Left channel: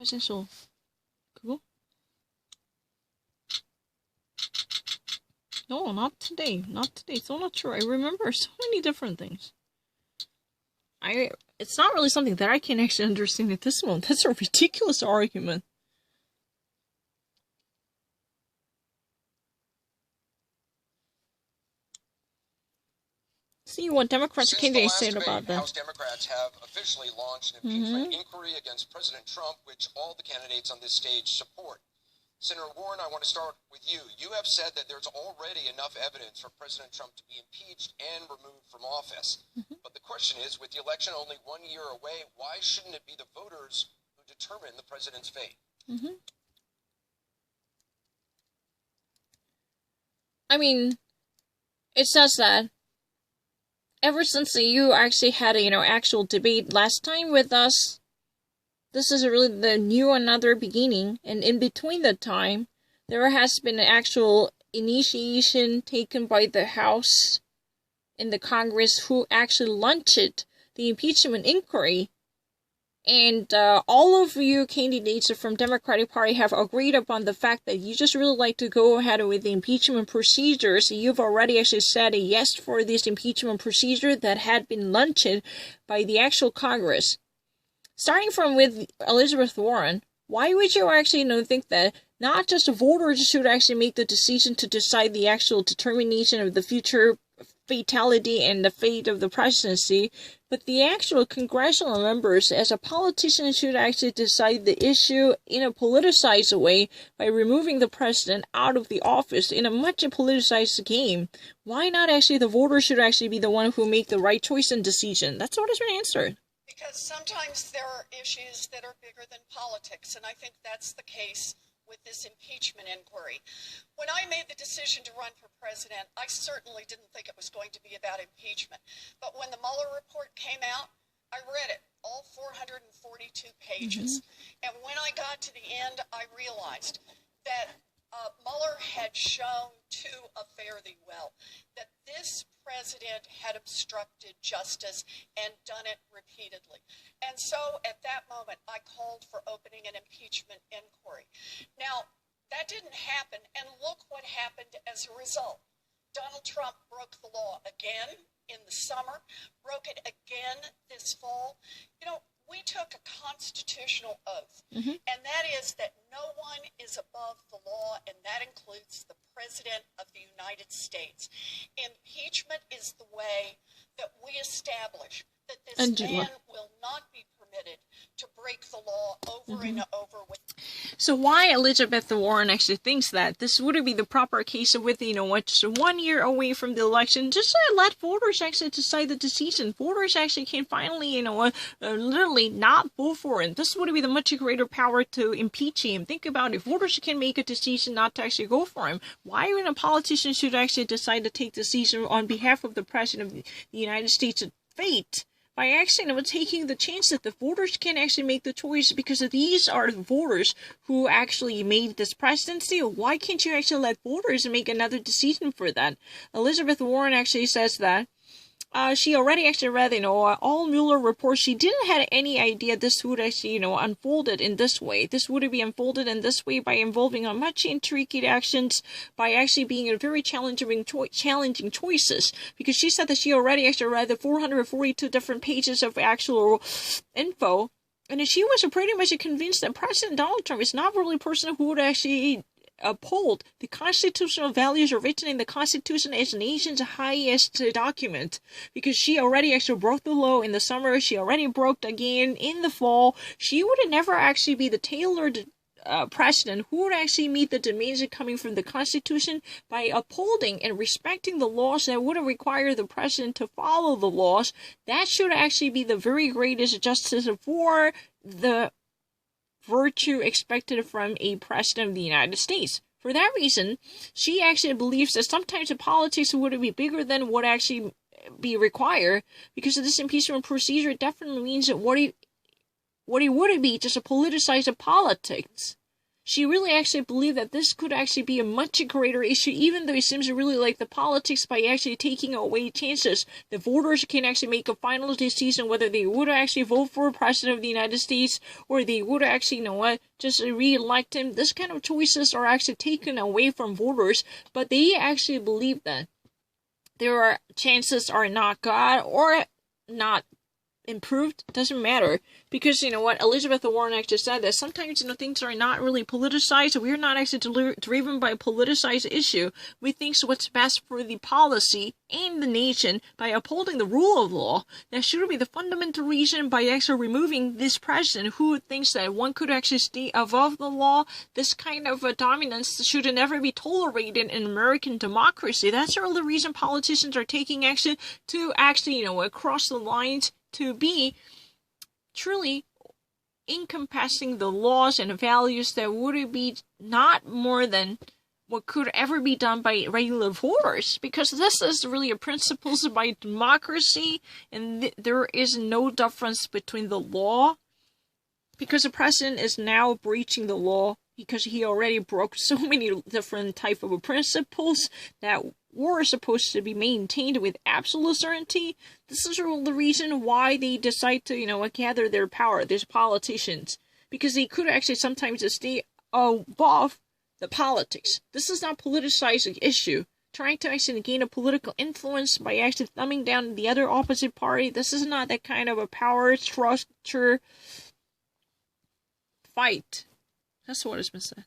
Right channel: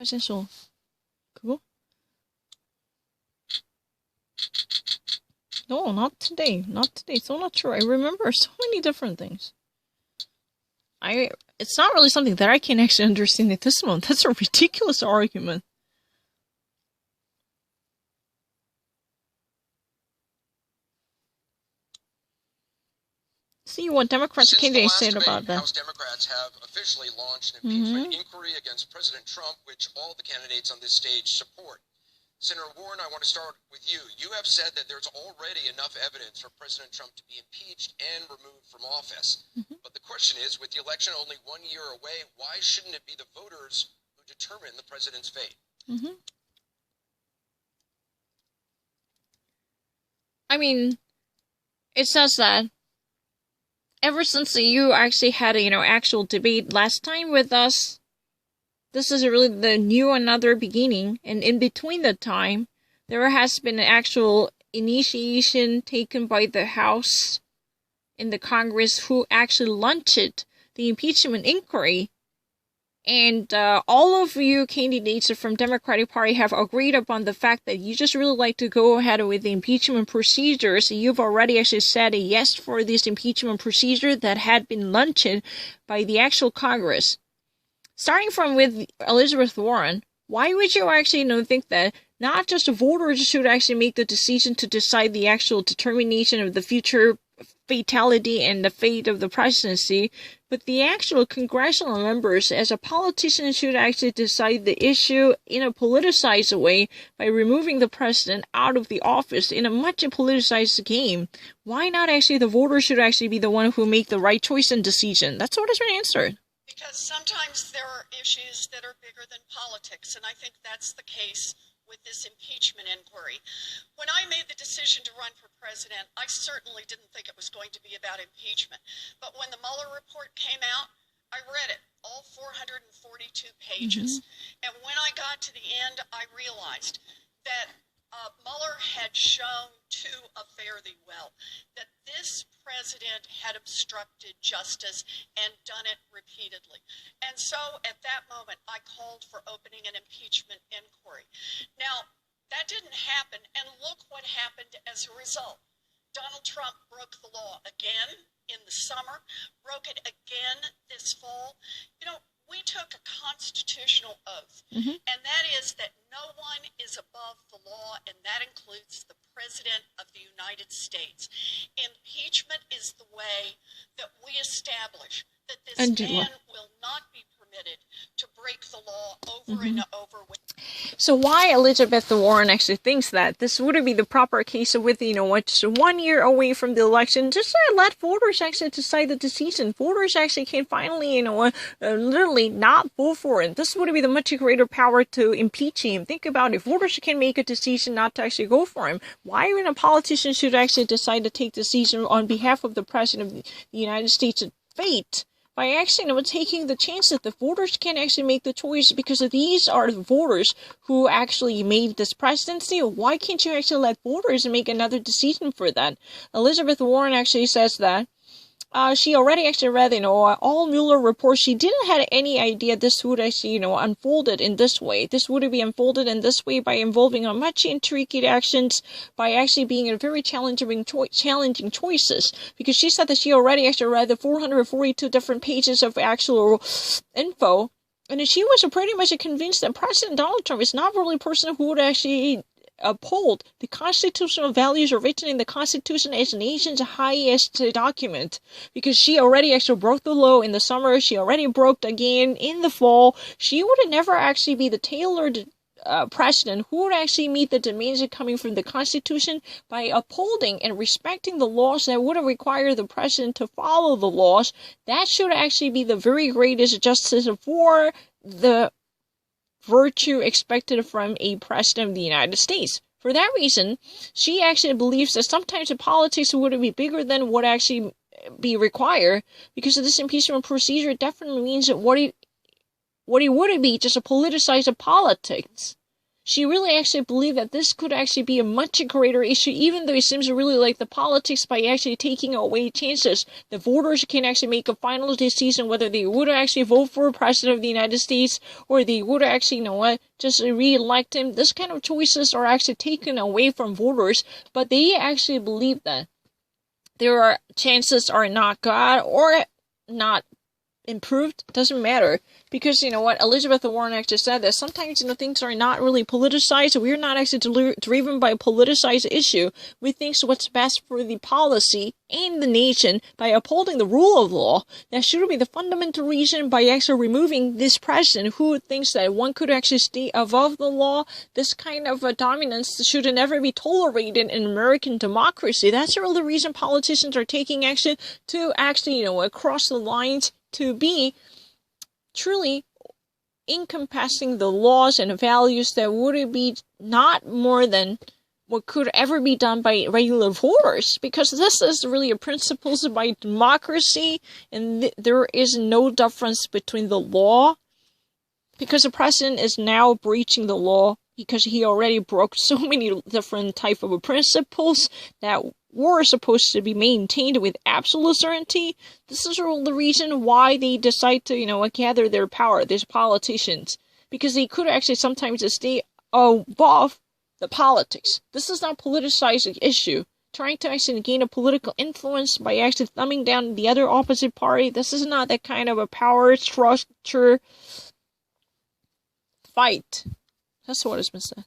essential. 그거? No, not today. Not today. So not true. I remember so many different things. It's not really something that I can actually understand at this moment. That's a ridiculous argument. See what Democrats candidates said about that. House Democrats have officially launched an impeachment inquiry against President Trump, which all the candidates on this stage support. Senator Warren, I want to start with you. You have said that there's already enough evidence for President Trump to be impeached and removed from office. But the question is, with the election only 1 year away, why shouldn't it be the voters who determine the president's fate? I mean, it says that ever since you actually had a, actual debate last time with us, this is really the new another beginning, and in between the time, there has been an actual initiation taken by the House and the Congress who actually launched the impeachment inquiry. And all of you candidates from Democratic Party have agreed upon the fact that you just really like to go ahead with the impeachment procedures. You've already actually said a yes for this impeachment procedure that had been launched by the actual Congress. Starting from with Elizabeth Warren, why would you actually think that not just the voters should actually make the decision to decide the actual determination of the future fatality and the fate of the presidency, but the actual congressional members as a politician should actually decide the issue in a politicized way by removing the president out of the office in a much politicized game? Why not actually the voters should actually be the one who make the right choice and decision? That's what has been answered. Because sometimes there are issues that are bigger than politics, and I think that's the case with this impeachment inquiry. When I made the decision to run for president, I certainly didn't think it was going to be about impeachment. But when the Mueller report came out, I read it, all 442 pages. And when I got to the end, I realized that Mueller had shown to a fare thee well that this president had obstructed justice and done it repeatedly. And so at that moment, I called for opening an impeachment inquiry. Now, that didn't happen, and look what happened as a result. Donald Trump broke the law again in the summer, broke it again this fall. We took a constitutional oath, and that is that no one is above the law, and that includes the President of the United States. Impeachment is the way that we establish that this man will not be permitted to break the law over and over with. So why Elizabeth Warren actually thinks that this would be the proper case with, just 1 year away from the election, just let voters actually decide the decision. Voters actually can finally, literally not vote for it. This would be the much greater power to impeach him. Think about it. Voters can make a decision not to actually go for him. Why when a politician should actually decide to take decision on behalf of the President of the United States' fate? By actually taking the chance that the voters can actually make the choice, because these are the voters who actually made this presidency. Why can't you actually let voters make another decision for that? Elizabeth Warren actually says that she already actually read, all Mueller reports. She didn't have any idea this would actually, unfolded in this way. This would be unfolded in this way by involving a much intricate actions, by actually being a very challenging choices. Because she said that she already actually read the 442 different pages of actual info, and she was pretty much convinced that President Donald Trump is not really a person who would actually uphold the constitutional values written in the Constitution as the nation's highest document, because she already actually broke the law in the summer. She already broke again in the fall. She would never actually be the tailored president who would actually meet the demands coming from the Constitution by upholding and respecting the laws that would require the president to follow the laws. That should actually be the very greatest justice for the virtue expected from a president of the United States. For that reason, she actually believes that sometimes the politics would be bigger than what actually be required, because of this impeachment procedure definitely means that what it would be just a politicized politics. she really actually believed that this could actually be a much greater issue, even though it seems to really like the politics by actually taking away chances. The voters can actually make a final decision whether they would actually vote for a president of the United States or they would actually, just re-elect him. This kind of choices are actually taken away from voters, but they actually believe that there are chances are not God or not improved. Doesn't matter. Because, Elizabeth Warren actually said that sometimes, things are not really politicized. We're not actually driven by a politicized issue. We think what's best for the policy and the nation by upholding the rule of law. That should be the fundamental reason by actually removing this president who thinks that one could actually stay above the law. This kind of dominance should never be tolerated in American democracy. That's really the reason politicians are taking action to actually, cross the lines to be truly encompassing the laws and values that would be not more than what could ever be done by regular voters, because this is really a principles by democracy, and there is no difference between the law, because the president is now breaching the law because he already broke so many different type of principles that were supposed to be maintained with absolute certainty. This is the reason why they decide to, gather their power, these politicians, because they could actually sometimes stay above the politics. This is not politicized issue. Trying to actually gain a political influence by actually thumbing down the other opposite party. This is not that kind of a power structure fight. That's what has been said.